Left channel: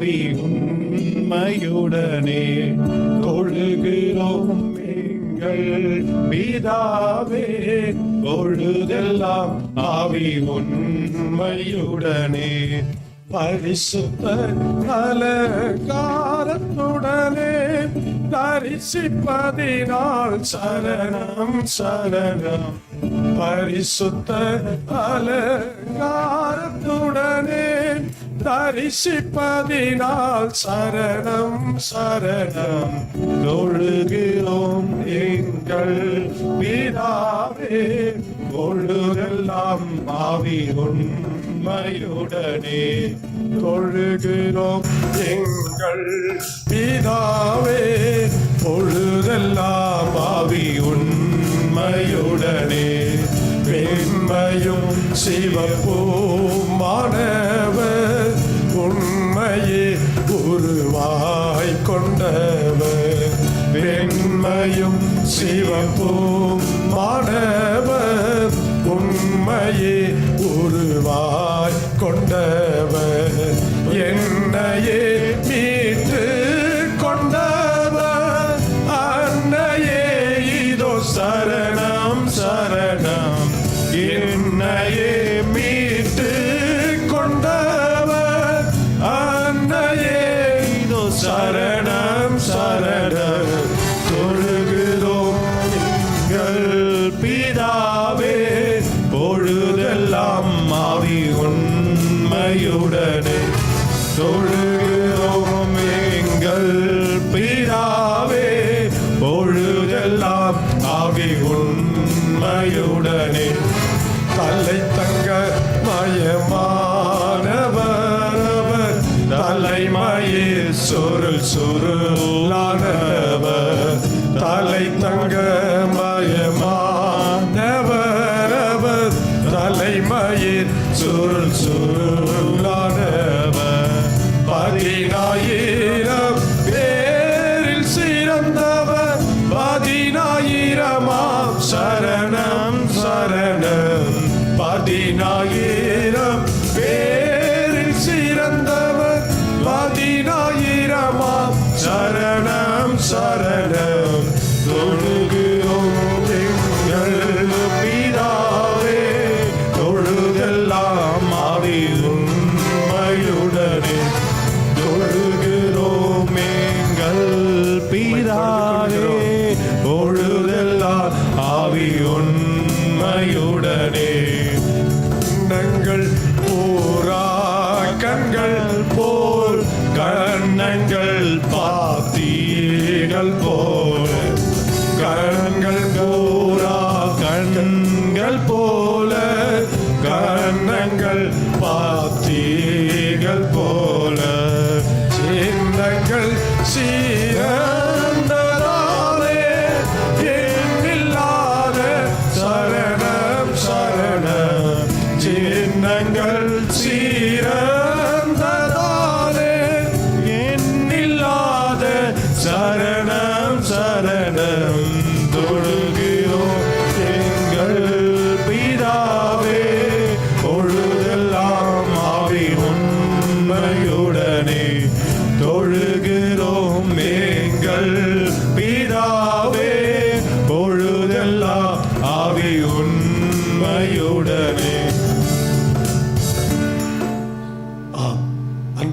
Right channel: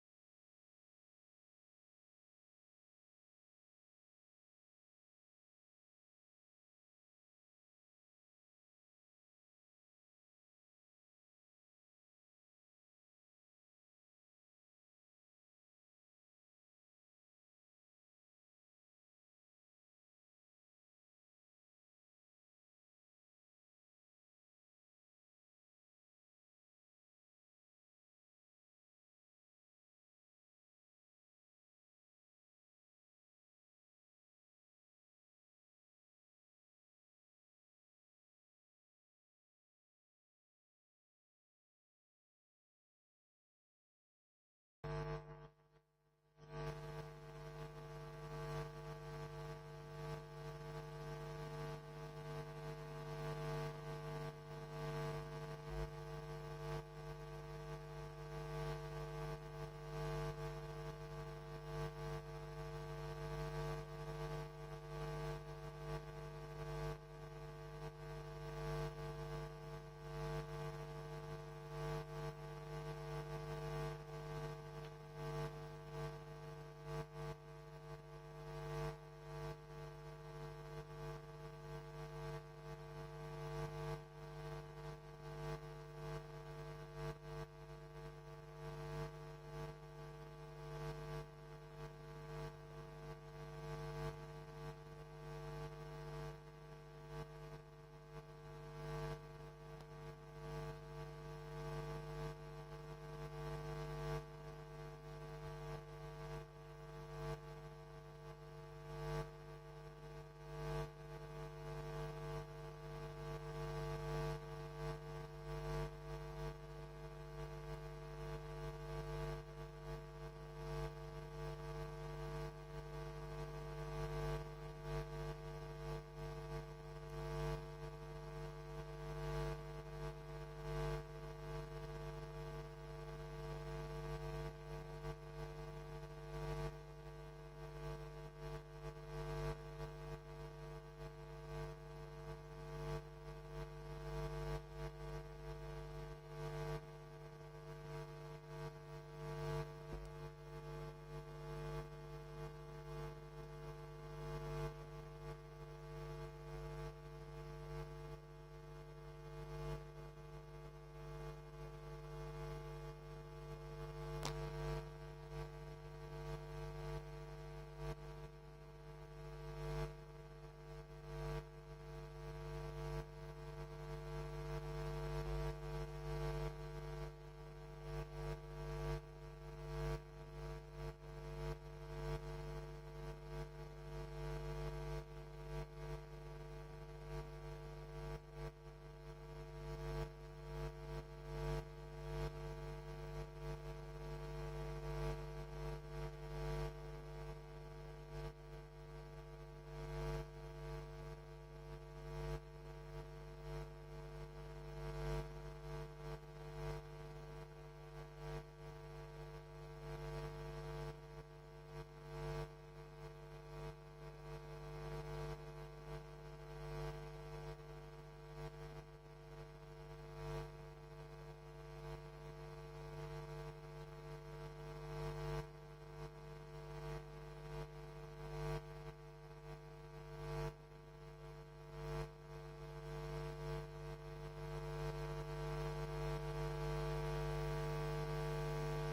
ஆவி உண்மையுடனே தொழுகிறோம் எங்கள் பிதாவே. பொழுதெல்லாம் ஆவி உண்மையுடனே. பரிசுத்த அலங்காரத்துடனே தரிசிப்பதினால் சரணம் சரணம். பரிசுத்த அலங்காரத்துடனே தரிசிப்பதினால் சரணம் சரணம். தொழுகிறோம் எங்கள் பிதாவே. பொழுதெல்லாம் ஆவி உண்மையுடனே. தொழுகிறோம் எங்கள் பிதாவே. பொழுதெல்லாம் ஆவி உண்மையுடனே. வெண்மையும் சிவப்பும் தொழுகிறோம்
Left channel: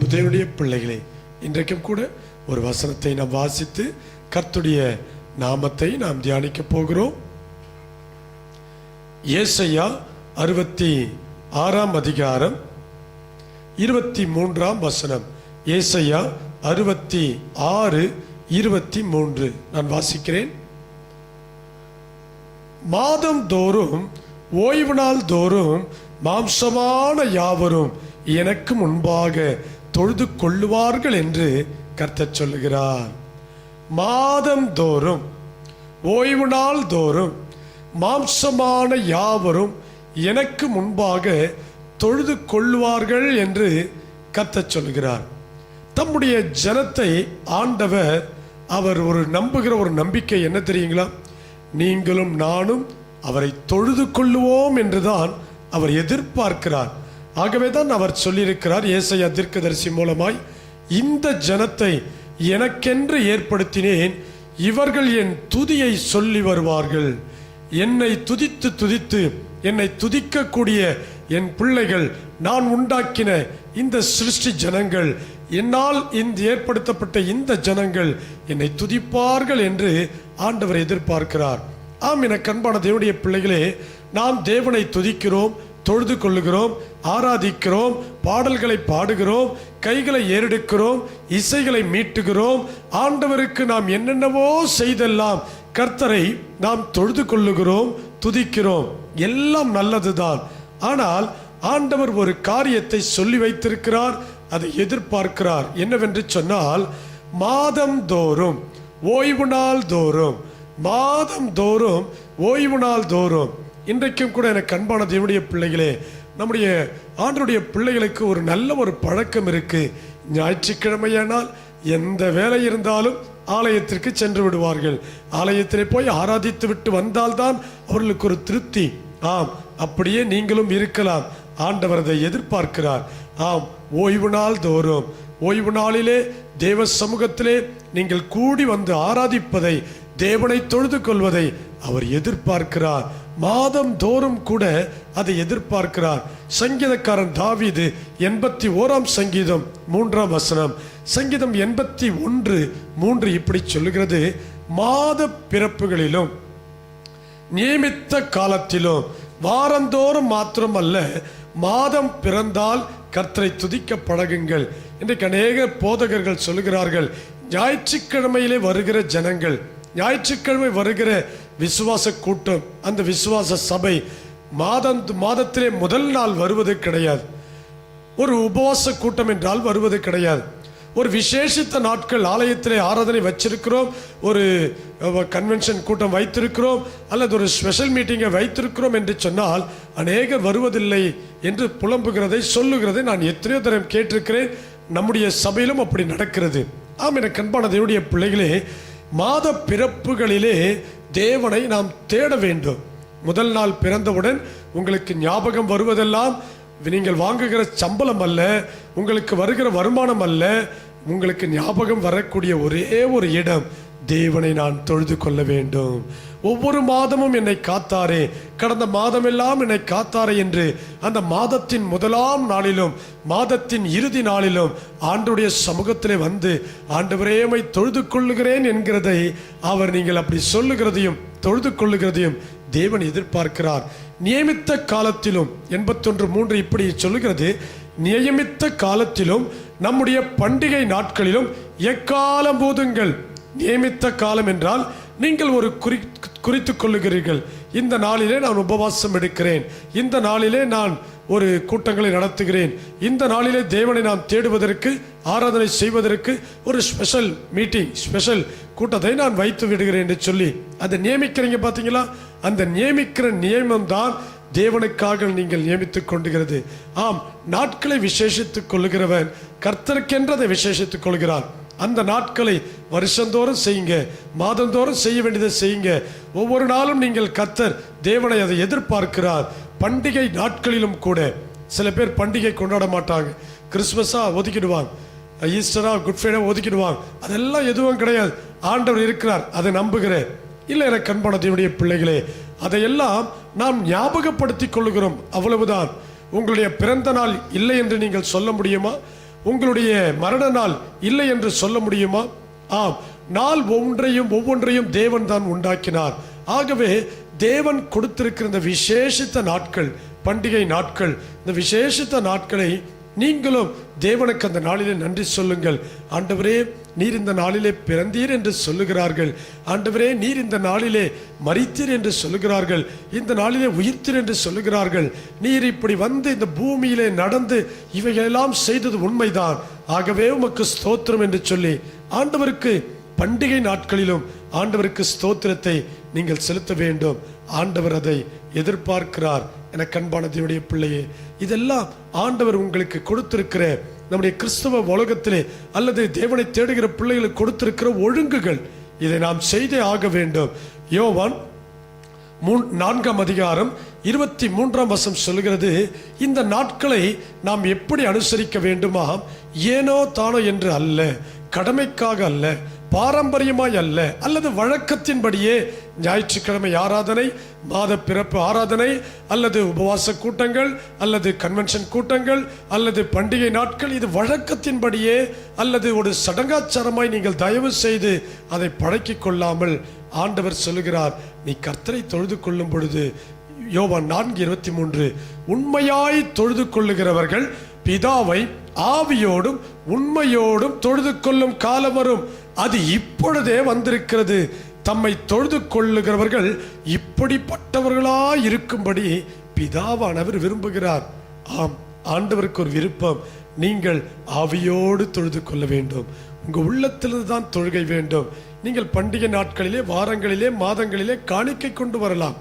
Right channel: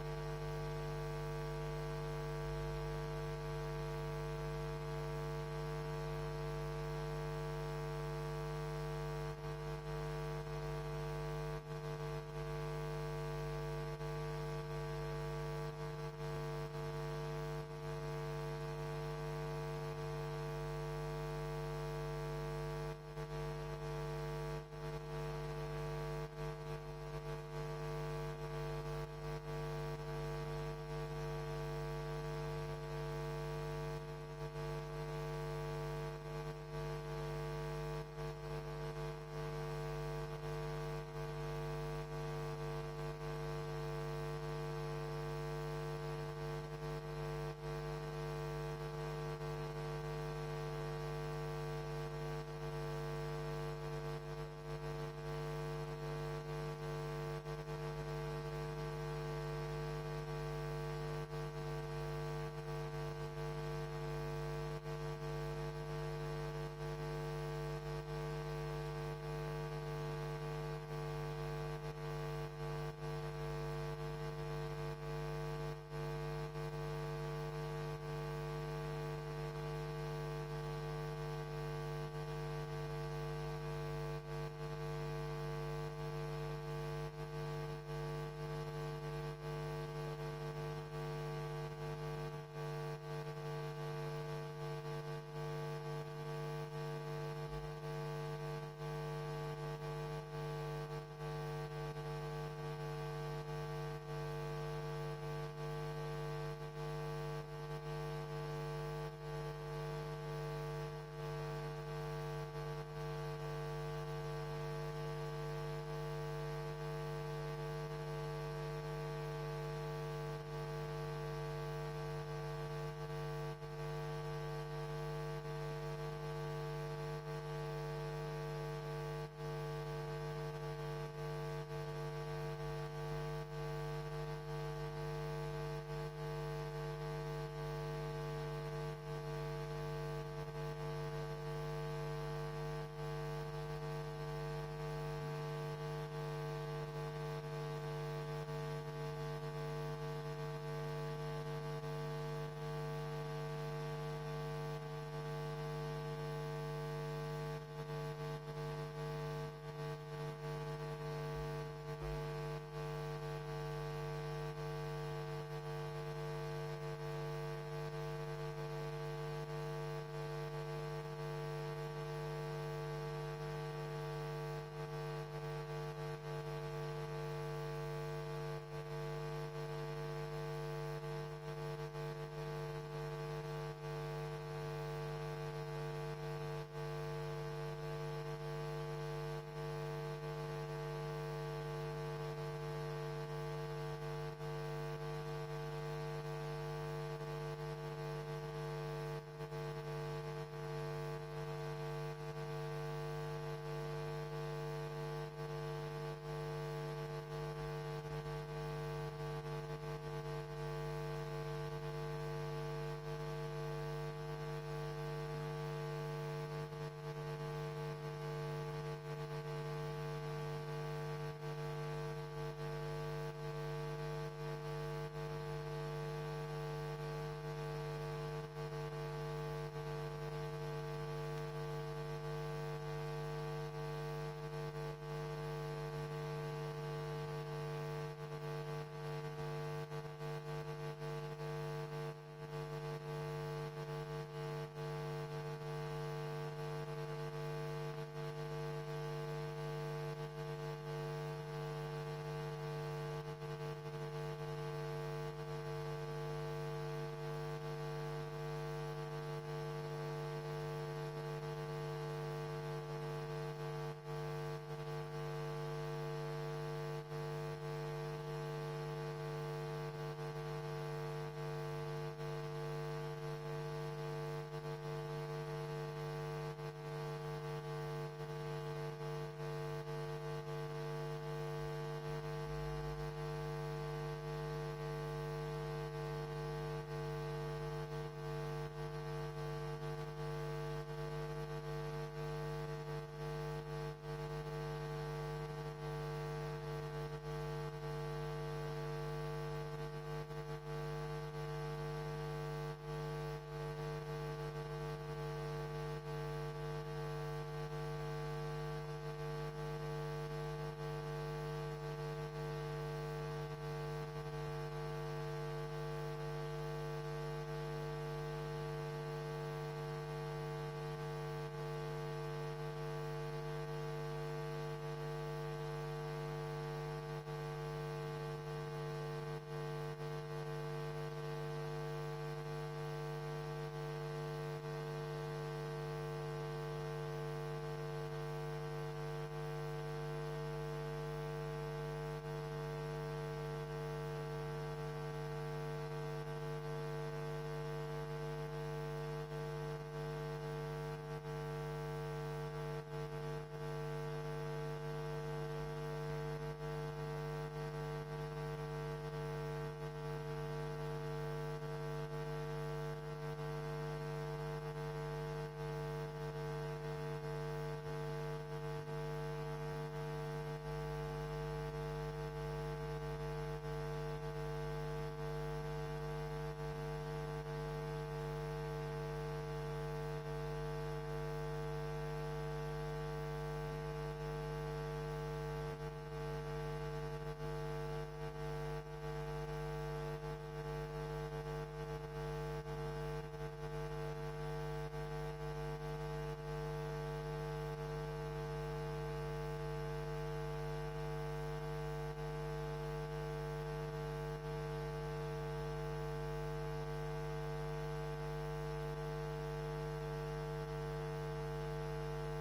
தேவனுடைய பிள்ளைகளே இன்றைக்கும் கூட ஒரு வசனத்தை நாம் வாசித்து கர்த்துடைய நாமத்தை நாம் தியானிக்க போகிறோம். ஏசையா அறுபத்தி ஆறாம் அதிகாரம் இருபத்தி மூன்றாம் வசனம். ஏசையா அறுபத்தி ஆறு இருபத்தி மூன்று. நான் வாசிக்கிறேன். மாதம் தோறும் ஓய்வு நாள் தோறும் மாம்சமான யாவரும் எனக்கு முன்பாக தொழுது கொள்ளுவார்கள் என்று கர்த்தர் சொல்லுகிறார். மாதம் தோறும் ஓய்வு நாள் தோறும் மாம்சமான யாவரும் எனக்கு முன்பாக தொழுது கொள்ளுவார்கள் என்று கத்த சொல்கிறார் தம்முடைய ஜனத்தை ஆண்டவர் அவர் ஒரு நம்புகிற ஒரு நம்பிக்கை என்ன தெரியுங்களா? நீங்களும் நானும் அவரை தொழுது கொள்ளுவோம் என்றுதான் அவர் எதிர்பார்க்கிறார். ஆகவே தான் அவர் சொல்லியிருக்கிறார் ஏசையா தீர்க்கதரிசி மூலமாய் இந்த ஜனத்தை எனக்கென்று ஏற்படுத்தினேன் இவர்கள் என் துதியை சொல்லி வருவார்கள். என்னை துதித்து துதித்து என்னை துதிக்கக்கூடிய என் பிள்ளைகள் நான் உண்டாக்கின இந்த சிருஷ்டி ஜனங்கள் என்னால் இந்த ஏற்படுத்தப்பட்ட இந்த ஜனங்கள் என்னை துதிப்பார்கள் என்று ஆண்டவர் எதிர்பார்க்கிறார். ஆம் என கண்பான தேவனுடைய பிள்ளைகளே நாம் தேவனை துதிக்கிறோம் தொழுது கொள்ளுகிறோம் ஆராதிக்கிறோம் பாடல்களை பாடுகிறோம் கைகளை ஏறெடுக்கிறோம் இசைகளை மீட்டுகிறோம். ஆண்டவருக்கு நாம் என்னென்னவோ செய்தெல்லாம் கர்த்தரை நாம் தொழுது கொள்ளுகிறோம் துதிக்கிறோம். எல்லாம் நல்லதுதான். ஆனால் ஆண்டவர் ஒரு காரியத்தை சொல்லி வைத்திருக்கிறார் அதை எதிர்பார்க்கிறார். என்னவென்று சொன்னால் மாதம் தோறும் ஓய்வு நாள் தோறும் மாதம் தோறும் ஓய்வு நாள் தோறும் இன்றைக்கும் கூட எனக்கு அன்பான தேவனுடைய பிள்ளைகளே நம்முடைய ஆண்டனுடைய பிள்ளைகளுக்கு ஒரு நல்ல ஒரு பழக்கம் இருக்கு. ஞாயிற்றுக்கிழமையானால் எந்த வேலை இருந்தாலும் ஆலயத்திற்கு சென்று விடுவார்கள். ஆலயத்திலே போய் ஆராதித்து விட்டு வந்தால்தான் அவர்களுக்கு ஒரு திருப்தி. ஆம் அப்படியே நீங்களும் இருக்கலாம். ஆண்டவர் அதை எதிர்பார்க்கிறார். ஆம் ஓய்வு நாள் தோறும். ஓய்வு நாளிலே தேவ சமூகத்திலே நீங்கள் கூடி வந்து ஆராதிப்பதை தேவனை தொழுது கொள்வதை அவர் எதிர்பார்க்கிறார். மாதம் தோறும் கூட அதை எதிர்பார்க்கிறார். சங்கீதக்காரன் தாவீது எண்பத்தி ஓராம் சங்கீதம் மூன்றாம் வசனம். சங்கீதம் எண்பத்தி ஒன்று மூன்று இப்படி சொல்லுகிறது. மாத பிறப்புகளிலும் நியமித்த காலத்திலும் வாரந்தோறும் மாத்திரமல்ல மாதம் பிறந்தால் கர்த்தரை துதிக்க பழகுங்கள். இன்றைக்கு அநேக போதகர்கள் சொல்லுகிறார்கள் ஞாயிற்றுக்கிழமையிலே வருகிற ஜனங்கள் ஞாயிற்றுக்கிழமை வருகிற விசுவாச கூட்டம் அந்த விசுவாச சபை மாதம் மாதத்திலே முதல் நாள் வருவது கிடையாது. ஒரு உபவாச கூட்டம் என்றால் வருவது கிடையாது. ஒரு விசேஷித்த நாட்கள் ஆலயத்திலே ஆராதனை வச்சிருக்கிறோம் ஒரு கன்வென்ஷன் கூட்டம் வைத்திருக்கிறோம் அல்லது ஒரு ஸ்பெஷல் மீட்டிங்கை வைத்திருக்கிறோம் என்று சொன்னால் அநேகர் வருவதில்லை என்று புலம்புகிறதை சொல்லுகிறதை நான் எத்தனையோ தரம் கேட்டிருக்கிறேன். நம்முடைய சபையிலும் அப்படி நடக்கிறது. ஆம் என கண்பான தேவனுடைய பிள்ளைகளே மாத பிறப்புகளிலே தேவனை நாம் தேட வேண்டும். முதல் நாள் பிறந்தவுடன் உங்களுக்கு ஞாபகம் வருவதெல்லாம் நீங்கள் வாங்குகிற சம்பளம் அல்ல உங்களுக்கு வருகிற வருமானம் அல்ல உங்களுக்கு ஞாபகம் வரக்கூடிய ஒரே ஒரு இடம் தேவனை நான் தொழுது கொள்ள வேண்டும். ஒவ்வொரு மாதமும் என்னை காத்தாரே. கடந்த மாதமெல்லாம் என்னை காத்தாரே என்று அந்த மாதத்தின் முதலாம் நாளிலும் மாதத்தின் இறுதி நாளிலும் ஆண்டுடைய சமூகத்திலே வந்து ஆண்டு உம்மை தொழுது கொள்ளுகிறேன் என்கிறதை அவர் நீங்கள் அப்படி சொல்லுகிறதையும் தொழுது கொள்ளுகிறதையும் தேவன் எதிர்பார்க்கிறார். நியமித்த காலத்திலும் எண்பத்தொன்று மூன்று இப்படி சொல்லுகிறது நியமித்த காலத்திலும் நம்முடைய பண்டிகை நாட்களிலும் எக்காலம் போதுங்கள்? நியமித்த காலம் என்றால் நீங்கள் ஒரு குறி குறித்து கொள்ளுகிறீர்கள். இந்த நாளிலே நான் உபவாசம் எடுக்கிறேன். இந்த நாளிலே நான் ஒரு கூட்டங்களை நடத்துகிறேன். இந்த நாளிலே தேவனை நாம் தேடுவதற்கு ஆராதனை செய்வதற்கு ஒரு ஸ்பெஷல் மீட்டிங் ஸ்பெஷல் கூட்டத்தை நான் வைத்து விடுகிறேன் என்று சொல்லி அதை நியமிக்கிறீங்க பார்த்தீங்களா? அந்த நியமிக்கிற நியமம் தான் தேவனுக்காக நீங்கள் நியமித்துக் கொண்டுகிறது. ஆம் நாட்களை விசேஷித்துக் கொள்ளுகிறவன் கர்த்தருக்கென்றதை விசேஷித்துக் கொள்கிறான். அந்த நாட்களை வருஷந்தோறும் செய்யுங்க. மாதந்தோறும் செய்ய வேண்டியதை செய்யுங்க. ஒவ்வொரு நாளும் நீங்கள் கத்தர் தேவனை அதை எதிர்பார்க்கிறார். பண்டிகை நாட்களிலும் கூட சில பேர் பண்டிகை கொண்டாட மாட்டாங்க. கிறிஸ்மஸாக ஒதுக்கிடுவாங்க. ஈஸ்டரா குட் ஃப்ரைடே ஒதுக்கிடுவாங்க. அதெல்லாம் எதுவும் கிடையாது. ஆண்டவர் இருக்கிறார். அதை நம்புகிறேன். இல்லை என கண்பான பிள்ளைகளே அதையெல்லாம் நாம் ஞாபகப்படுத்திக் கொள்ளுகிறோம். அவ்வளவுதான். உங்களுடைய பிறந்த நாள் இல்லை என்று நீங்கள் சொல்ல முடியுமா? உங்களுடைய மரண நாள் இல்லை என்று சொல்ல முடியுமா? ஆம். நாள் ஒன்றையும் ஒவ்வொன்றையும் தேவன் தான் உண்டாக்கினார். ஆகவே தேவன் கொடுத்திருக்கிற இந்த விசேஷித்த நாட்கள் பண்டிகை நாட்கள் இந்த விசேஷித்த நாட்களை நீங்களும் தேவனுக்கு அந்த நாளிலே நன்றி சொல்லுங்கள். ஆண்டவரே நீர் இந்த நாளிலே பிறந்தீர் என்று சொல்லுகிறார்கள். ஆண்டவரே நீர் இந்த நாளிலே மறித்தீர் என்று சொல்லுகிறார்கள். இந்த நாளிலே உயிர்த்தீர் என்று சொல்லுகிறார்கள். நீர் இப்படி வந்து இந்த பூமியிலே நடந்து இவைகளெல்லாம் செய்தது உண்மைதான். ஆகவே உமக்கு ஸ்தோத்திரம் என்று சொல்லி ஆண்டவருக்கு பண்டிகை நாட்களிலும் ஆண்டவருக்கு ஸ்தோத்திரத்தை நீங்கள் செலுத்த வேண்டும். ஆண்டவர் அதை எதிர்பார்க்கிறார். என கண்பான தேவடைய பிள்ளையே இதெல்லாம் ஆண்டவர் உங்களுக்கு கொடுத்திருக்கிற நம்முடைய கிறிஸ்தவ உலகத்திலே அல்லது தேவனை தேடுகிற பிள்ளைகளுக்கு கொடுத்திருக்கிற ஒழுங்குகள். இதை நாம் செய்தே ஆக வேண்டும். யோவான் மூன் நான்காம் அதிகாரம் இருபத்தி மூன்றாம் வசம் சொல்கிறது இந்த நாட்களை நாம் எப்படி அனுசரிக்க வேண்டுமா? ஏனோ தானோ என்று அல்ல கடமைக்காக அல்ல பாரம்பரியமாய் அல்ல அல்லது வழக்கத்தின்படியே ஞாயிற்றுக்கிழமை ஆராதனை மாத பிறப்பு ஆராதனை அல்லது உபவாச கூட்டங்கள் அல்லது கன்வென்ஷன் கூட்டங்கள் அல்லது பண்டிகை நாட்கள் இது வழக்கத்தின்படியே அல்லது ஒரு சடங்காச்சாரமாய் நீங்கள் தயவு செய்து அதை பழக்கி கொள்ளாமல் ஆண்டவர் சொல்லுகிறார். நீ கர்த்தரை தொழுது கொள்ளும் பொழுது யோவான் நான்கு இருபத்தி மூன்று உண்மையாய் தொழுது கொள்ளுகிறவர்கள் பிதாவை ஆவியோடும் உண்மையோடும் தொழுது கொள்ளும் காலம் வரும். அது இப்பொழுதே வந்திருக்கிறது. தம்மை தொழுது கொள்ளுகிறவர்கள் இப்படிப்பட்டவர்களா இருக்கும்படி பிதாவானவர் விரும்புகிறார். ஆம் ஆண்டவருக்கு ஒரு விருப்பம். நீங்கள் ஆவியோடு தொழுது கொள்ள வேண்டும். உங்கள் உள்ளத்திலிருந்து தான் தொழுகை வேண்டும். நீங்கள் பண்டிகை நாட்களிலே வாரங்களிலே மாதங்களிலே காணிக்கை கொண்டு வரலாம்.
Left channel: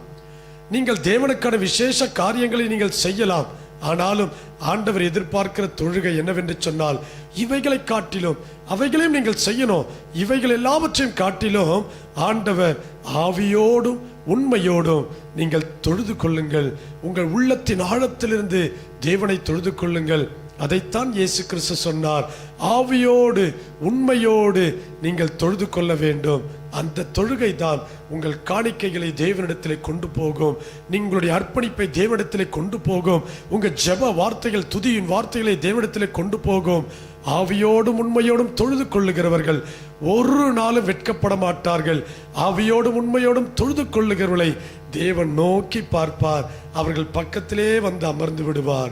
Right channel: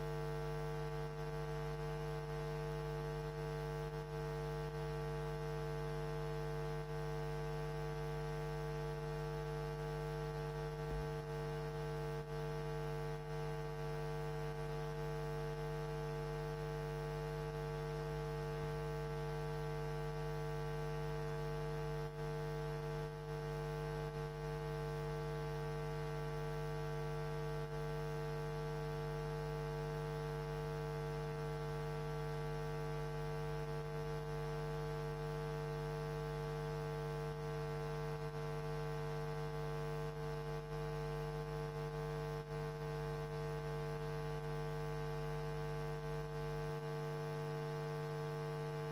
நீங்கள் தேவனுக்கான விசேஷ காரியங்களை நீங்கள் செய்யலாம். ஆனாலும் ஆண்டவர் எதிர்பார்க்கிற தொழுகை என்னவென்று சொன்னால் இவைகளை காட்டிலும் அவைகளையும் நீங்கள் செய்யணும். இவைகள் எல்லாவற்றையும் காட்டிலும் ஆண்டவர் ஆவியோடும் உண்மையோடும் நீங்கள் தொழுது கொள்ளுங்கள். உங்கள் உள்ளத்தின் ஆழத்திலிருந்து தேவனை தொழுது கொள்ளுங்கள். அதைத்தான் இயேசு கிறிஸ்து சொன்னார். ஆவியோடு உண்மையோடு நீங்கள் தொழுது கொள்ள வேண்டும். அந்த தொழுகை தான் உங்கள் காணிக்கைகளை தேவனிடத்தில் கொண்டு போகும். நீங்களுடைய அர்ப்பணிப்பை தேவனிடத்தில் கொண்டு போகும். உங்கள் ஜெப வார்த்தைகள் துதியின் வார்த்தைகளை தேவனிடத்தில் கொண்டு போகும். ஆவியோடும் உண்மையோடும் தொழுது கொள்ளுகிறவர்கள் ஒரு நாளும் வெட்கப்பட மாட்டார்கள். ஆவியோடும் உண்மையோடும் தொழுது கொள்ளுகிறவர்களை தேவன் நோக்கி பார்ப்பார். அவர்கள் பக்கத்திலே வந்து அமர்ந்து விடுவார்.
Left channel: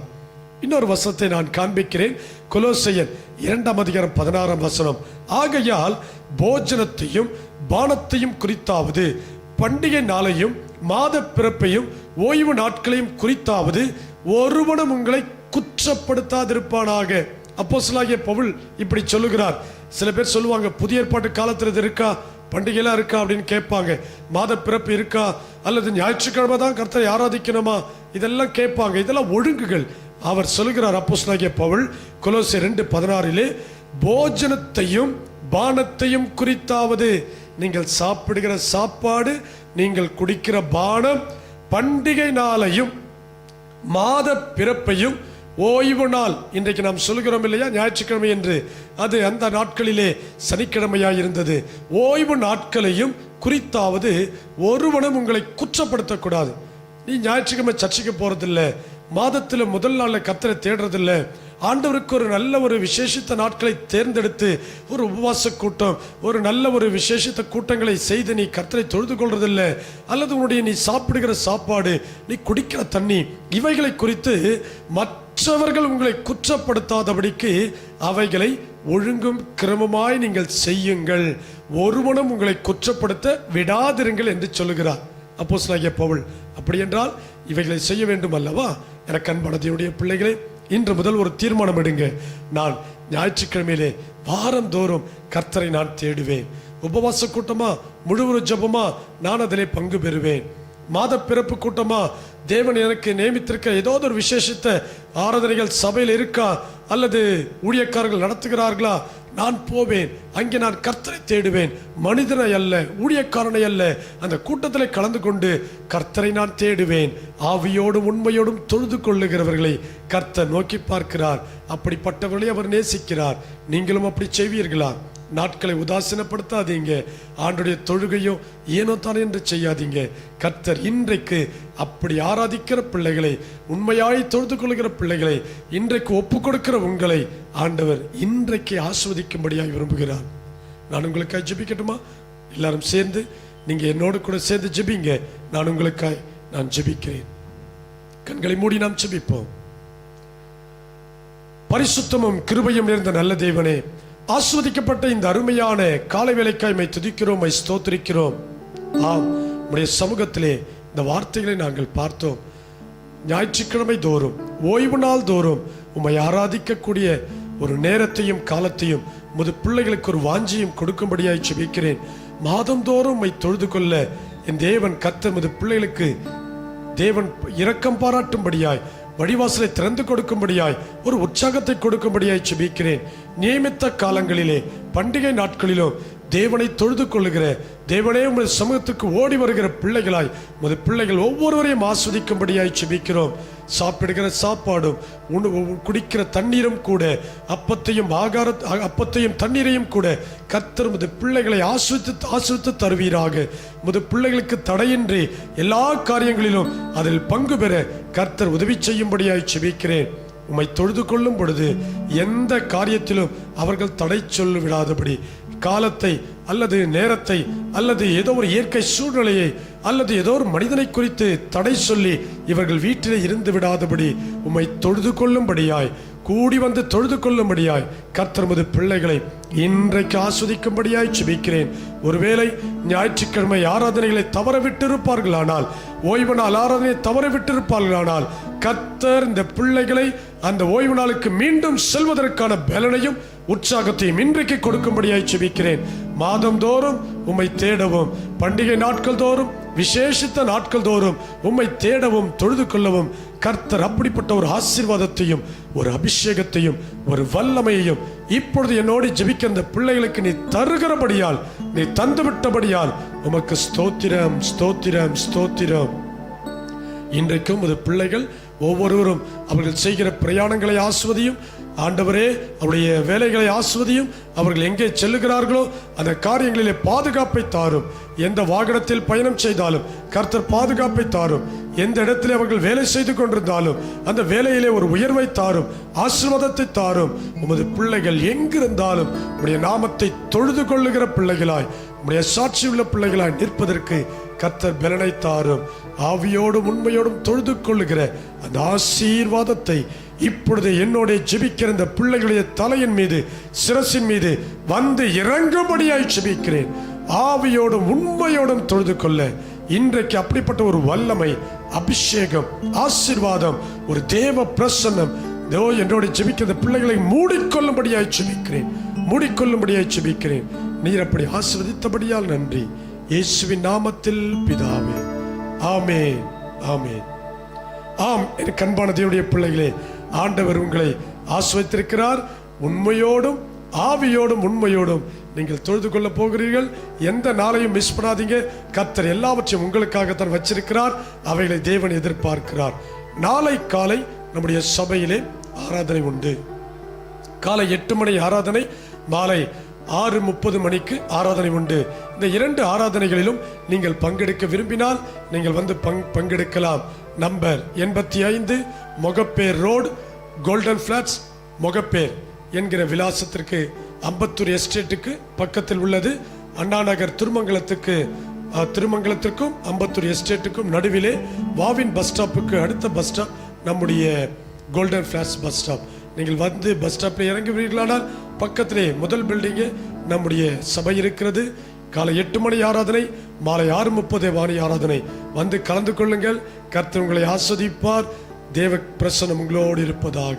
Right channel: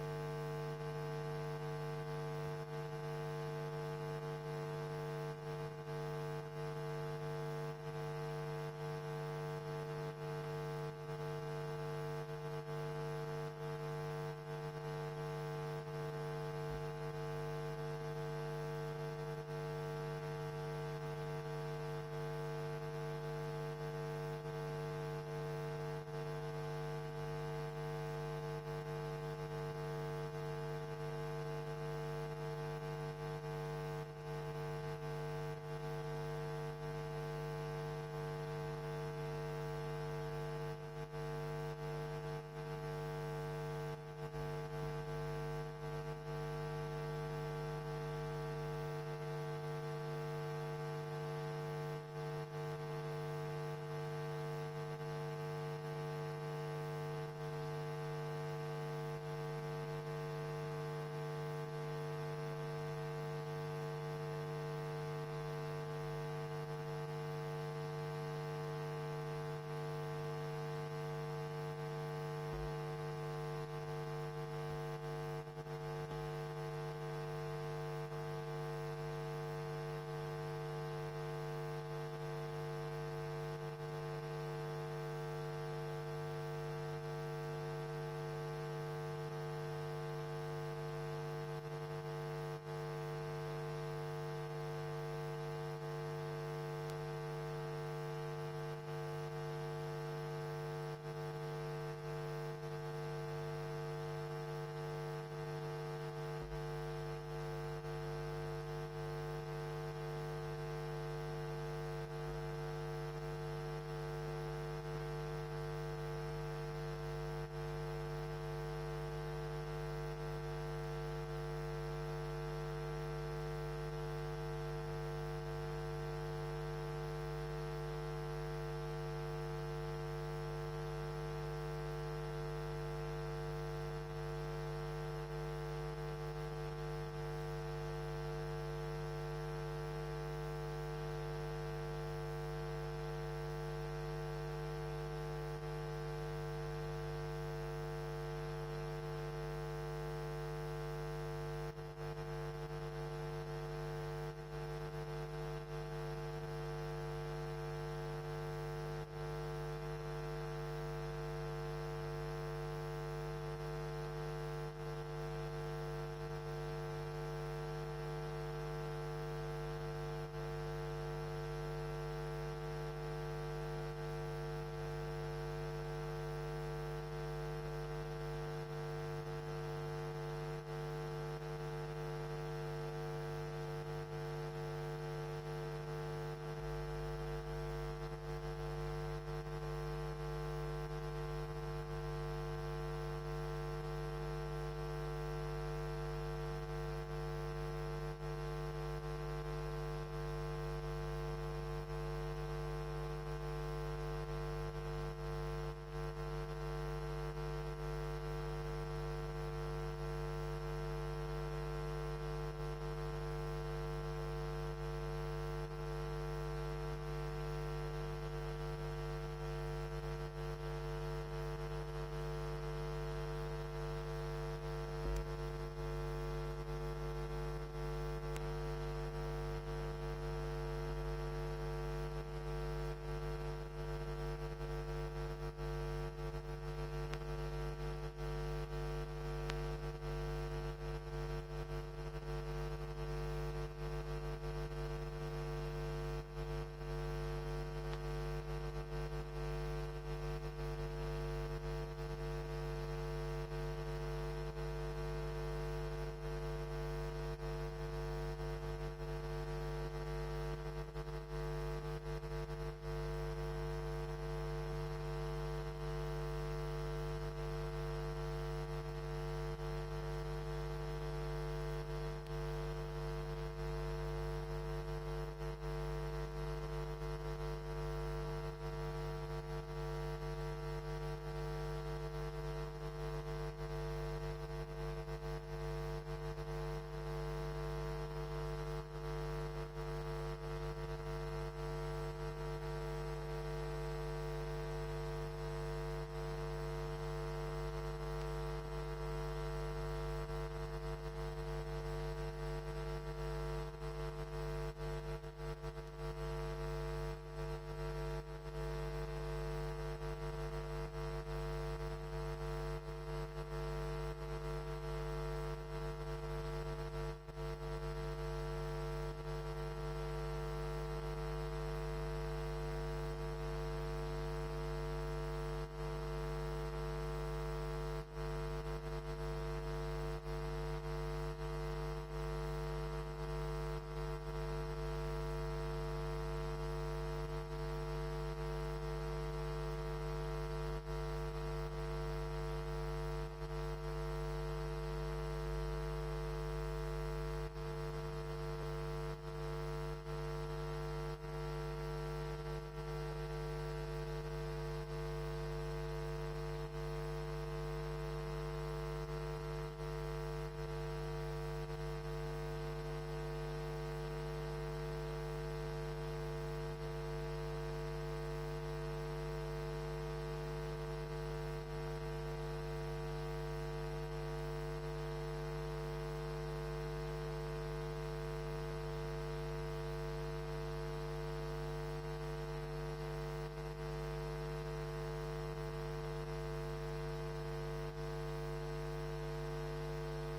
இன்னொரு வசத்தை நான் காண்பிக்கிறேன். கொலோசையன் இரண்டாம் அதிகாரம் பதினாறாம் வசனம். ஆகையால் போஜனத்தையும் பானத்தையும் குறித்தாவது. பண்டிகை நாளையும் மாத பிறப்பையும் ஓய்வு நாட்களையும் குறித்தாவது. ஒருவனும் உங்களை குற்றப்படுத்தாதிருப்பானாக. அப்போஸ்லாகிய பவுல் இப்படி சொல்லுகிறார். சில பேர் சொல்லுவாங்க புதிய ஏற்பாட்டு காலத்தில் இது இருக்கா? பண்டிகைலாம் இருக்கா? அப்படின்னு கேட்பாங்க. மாத பிறப்பு இருக்கா? அல்லது ஞாயிற்றுக்கிழமை தான் கர்த்தரை ஆராதிக்கணுமா? இதெல்லாம் கேட்பாங்க. இதெல்லாம் ஒழுங்குகள். அவர் சொல்லுகிறார் அப்போஸ்லாகிய பவுல் குலோசி ரெண்டு பதினாறிலே போஜனத்தையும் பானத்தையும் குறித்தாவது. நீங்கள் சாப்பிடுகிற சாப்பாடு நீங்கள் குடிக்கிற பானம் பண்டிகை நாளையும் மாத பிறப்பையும் ஓய்வு நாள். இன்றைக்கு நாம் சொல்கிறோம் இல்லையா? ஞாயிற்றுக்கிழமை என்று. அது அந்த நாட்களிலே சனிக்கிழமையாக இருந்தது ஓய்வு நாட்களையும் குறித்தாவது ஒருவனும் உங்களை குற்றப்படுத்தக்கூடாது. நீ ஞாயிற்றுக்கிழமை சர்ச்சைக்கு போகிறதில்ல மாதத்தில் முதல் நாளில் கத்தரை தேடுறதில்ல. ஆண்டவருக்கு ஒரு நல்ல ஒரு விசேஷித்த நாட்களை தேர்ந்தெடுத்து ஒரு உபவாச கூட்டம் ஒரு நல்ல ஒரு விசேஷித்த கூட்டங்களை செய்து நீ கர்த்தரை தொழுது கொள்றதில்ல அல்லது உன்னுடைய நீ சாப்பிடுகிற சாப்பாடு நீ குடிக்கிற தண்ணி இவைகளை குறித்து மற்றவர்கள் உங்களை குற்றப்படுத்தாதபடிக்கு அவைகளை ஒழுங்கும் கிரமமாய் நீங்கள் செய்யுங்கள். ஒருவனும் உங்களை குற்றப்படுத்த விடாதிருங்கள் என்று சொல்லுகிறார். அப்போஸ்தலனாகிய பவுல் அப்படி என்றால் இவைகளை செய்ய வேண்டும் அல்லவா எனக்கன் மனதியுடைய பிள்ளைகளை பிள்ளைகளே இன்று முதல் ஒரு தீர்மானம் எடுங்க. நான் ஞாயிற்றுக்கிழமையிலே வாரந்தோறும் கர்த்தரை நான் தேடுவேன். உபவாச கூட்டமா முழு ஜபமா நான் அதிலே பங்கு பெறுவேன். மாத பிறப்பு கூட்டமா தேவன் எனக்கு நியமித்திருக்க ஏதாவது ஒரு விசேஷத்தை ஆராதனைகள் சபையில் இருக்கா? அல்லது ஊழியக்காரர்கள் நடத்துகிறார்களா? நான் போவேன். அங்கே நான் கர்த்தரை தேடுவேன். மனிதனை அல்ல ஊழியக்காரனை அல்ல. அந்த கூட்டத்தில் கலந்து கொண்டு கர்த்தரை நான் தேடுவேன். ஆவியோடும் உண்மையோடும் தொழுது கொள்ளுகிறவர்களை கர்த்தர் நோக்கி பார்க்கிறார். அப்படிப்பட்டவர்களை அவர் நேசிக்கிறார். நீங்களும் அப்படி செய்வீர்களா? நாட்களை உதாசீனப்படுத்தாதீங்க. ஆண்டுடைய தொழுகையும் ஏனோ தானே என்று செய்யாதீங்க. கர்த்தர் இன்றைக்கு அப்படி ஆராதிக்கிற பிள்ளைகளை உண்மையாய் தொழுது கொள்கிற பிள்ளைகளை இன்றைக்கு ஒப்பு கொடுக்கிற உங்களை ஆண்டவர் இன்றைக்கு ஆஸ்வதிக்கும்படியாக விரும்புகிறார். நான் உங்களுக்காய் ஜெபிக்கட்டுமா? எல்லாரும் சேர்ந்து நீங்க என்னோடு கூட சேர்ந்து ஜெபிங்க. நான் உங்களுக்காய் நான் ஜெபிக்கிறேன். கண்களை மூடி நாம் ஜெபிப்போம். பரிசுத்தமும் கிருபையும் நிறைந்த நல்ல தேவனே ஆஸ்வதிக்கப்பட்ட இந்த அருமையான காலை வேலைக்காய்மை துதிக்கிறோம் மை ஸ்தோத்திரிக்கிறோம். ஆம் உடைய சமூகத்திலே இந்த வார்த்தைகளை நாங்கள் பார்த்தோம். ஞாயிற்றுக்கிழமை தோறும் ஓய்வு நாள் தோறும் உம்மை ஆராதிக்கக்கூடிய ஒரு நேரத்தையும் காலத்தையும் முது பிள்ளைகளுக்கு ஒரு வாஞ்சியும் கொடுக்கும்படியாய் செபிக்கிறேன் மாதந்தோறும் உம்மை தொழுது கொள்ள என் தேவன் கத்த முது பிள்ளைகளுக்கு தேவன் இரக்கம் பாராட்டும்படியாய் வழிவாசலை திறந்து கொடுக்கும்படியாய் ஒரு உற்சாகத்தை கொடுக்கும்படியாய் செபிக்கிறேன் நியமித்த காலங்களிலே பண்டிகை நாட்களிலும் தேவனை தொழுது கொள்ளுகிற தேவனே உமது சமூகத்துக்கு ஓடி வருகிற பிள்ளைகளாய் உமது பிள்ளைகள் ஒவ்வொருவரையும் ஆஸ்வதிக்கும்படியாய் செபிக்கிறோம் சாப்பிடுகிற சாப்பாடும் உணவு குடிக்கிற தண்ணீரும் கூட அப்பத்தையும் ஆகார அப்பத்தையும் தண்ணீரையும் கூட கர்த்தர் முது பிள்ளைகளை ஆஸ்வதித்து ஆஸ்வதித்து தருவீராக. முது பிள்ளைகளுக்கு தடையின்றி எல்லா காரியங்களிலும் அதில் பங்கு பெற கர்த்தர் உதவி செய்யும்படியாய் செபிக்கிறேன் உம்மை தொழுது கொள்ளும் பொழுது எந்த காரியத்திலும் அவர்கள் தடை சொல்லி விடாதபடி காலத்தை அல்லது நேரத்தை அல்லது ஏதோ ஒரு இயற்கை சூழ்நிலையை அல்லது ஏதோ ஒரு மனிதனை குறித்து தடை சொல்லி இவர்கள் வீட்டிலே இருந்து விடாதபடி உம்மை தொழுது கொள்ளும்படியாய் கூடி வந்து தொழுது கொள்ளும்படியாய் கர்த்தர்மது பிள்ளைகளை இன்றைக்கு ஆஸ்வதிக்கும்படியாய் சுபிக்கிறேன் ஒருவேளை ஞாயிற்றுக்கிழமை ஆராதனைகளை தவற விட்டிருப்பார்களானால் ஓய்வு நாள் ஆராதனையை தவற விட்டிருப்பார்களானால் கர்த்தர் இந்த பிள்ளைகளை அந்த ஓய்வு நாளுக்கு மீண்டும் செல்வதற்கான பலனையும் உற்சாகத்தையும் இன்றைக்கு கொடுக்கும்படியாய் செபிக்கிறேன் மாதந்தோறும் உம்மை தேடவும் பண்டிகை நாட்கள் தோறும் விசேஷித்த நாட்கள் தோறும் உம்மை தேடவும் தொழுது கொள்ளவும் கர்த்தர் அப்படிப்பட்ட ஒரு ஆசீர்வாதத்தையும் ஒரு அபிஷேகத்தையும் ஒரு வல்லமையையும் இப்பொழுது என்னோடு ஜெபிக்க அந்த பிள்ளைகளுக்கு நீ தருகிறபடியால் நீ தந்துவிட்டபடியால் உமக்கு ஸ்தோத்திரம் ஸ்தோத்திரம் ஸ்தோத்திரம். இன்றைக்கும் அது பிள்ளைகள் ஒவ்வொருவரும் அவர்கள் செய்கிற பிரயாணங்களை ஆசுவதையும் ஆண்டவரே அவருடைய வேலைகளை ஆஸ்வதியும் அவர்கள் எங்கே செல்லுகிறார்களோ அந்த காரியங்களிலே பாதுகாப்பை தாரும். எந்த வாகனத்தில் பயணம் செய்தாலும் கர்த்தர் பாதுகாப்பை தாரும். எந்த இடத்தில் அவர்கள் வேலை செய்து கொண்டிருந்தாலும் அந்த வேலையிலே ஒரு உயர்வை தாரும் ஆசிர்வாதத்தை தாரும். உமது பிள்ளைகள் எங்கிருந்தாலும் உடைய நாமத்தை தொழுது கொள்ளுகிற பிள்ளைகளாய் உடைய சாட்சி உள்ள பிள்ளைகளாய் நிற்பதற்கு கர்த்தர் பலனை தாரும் ஆவியோடும் உண்மையோடும் தொழுது கொள்ளுகிற அந்த ஆசீர்வாதத்தை இப்பொழுது என்னோட ஜெபிக்கிற இந்த பிள்ளைகளுடைய தலையின் மீது சிரசின் மீது வந்து இறங்கும்படியாய் ஜெபிக்கிறேன். ஆவியோடும் உண்மையோடும் தொழுது கொள்ள. இன்றைக்கு அப்படிப்பட்ட ஒரு வல்லமை அபிஷேகம் ஆசீர்வாதம் ஒரு தேவ பிரசன்னம். தேவ என்னோட ஜெபிக்கிற பிள்ளைகளை மூடிக்கொள்ளும்படியாய் ஜெபிக்கிறேன். மூடிக்கொள்ளும்படியாய் ஜெபிக்கிறேன். நீர் அப்படி ஆசிர்வதித்தபடியால் நன்றி. இயேசுவின் நாமத்தில் பிதாவே. ஆமே ஆமே ஆம் என் கண்பான தேவனுடைய பிள்ளைகளே ஆண்டவர் உங்களை ஆஸ்வதித்திருக்கிறார் உண்மையோடும் ஆவியோடும் உண்மையோடும் நீங்கள் தொழுது கொள்ள போகிறீர்கள். எந்த நாளையும் மிஸ் பண்ணாதீங்க. கத்தர் எல்லாவற்றையும் உங்களுக்காகத்தான் வச்சிருக்கிறார். அவைகளை தேவன் எதிர்பார்க்கிறார். நாளை காலை நம்முடைய சபையிலே ஆராதனை உண்டு. காலை எட்டு மணி ஆராதனை மாலை ஆறு முப்பது மணிக்கு ஆராதனை உண்டு. இந்த இரண்டு ஆராதனைகளிலும் நீங்கள் பங்கெடுக்க விரும்பினால் நீங்கள் வந்து பங் பங்கெடுக்கலாம். நம்பர் எண்பத்தி ஐந்து Mogappair road golden flats Mogappair என்கிற விலாசத்திற்கு அம்பத்தூர் எஸ்டேட்டுக்கு பக்கத்தில் உள்ளது. அண்ணா நகர் திருமங்கலத்துக்கு திருமங்கலத்திற்கும் அம்பத்தூர் எஸ்டேட்டுக்கும் நடுவிலே வாவின் பஸ் ஸ்டாப்புக்கு அடுத்த பஸ் ஸ்டாப் நம்முடைய கோல்டன் ஃப்ளாட்ஸ் பஸ் ஸ்டாப். நீங்கள் வந்து பஸ் ஸ்டாப்பில் இறங்குவீர்களானால் பக்கத்திலே முதல் பில்டிங்கு நம்முடைய சபை இருக்கிறது. காலை எட்டு மணி ஆராதனை மாலை ஆறு முப்பது வாணி ஆராதனை. வந்து கலந்து கொள்ளுங்கள். கர்த்தர் உங்களை ஆஸ்வதிப்பார். தேவ பிரசனம் உங்களோடு இருப்பதாக.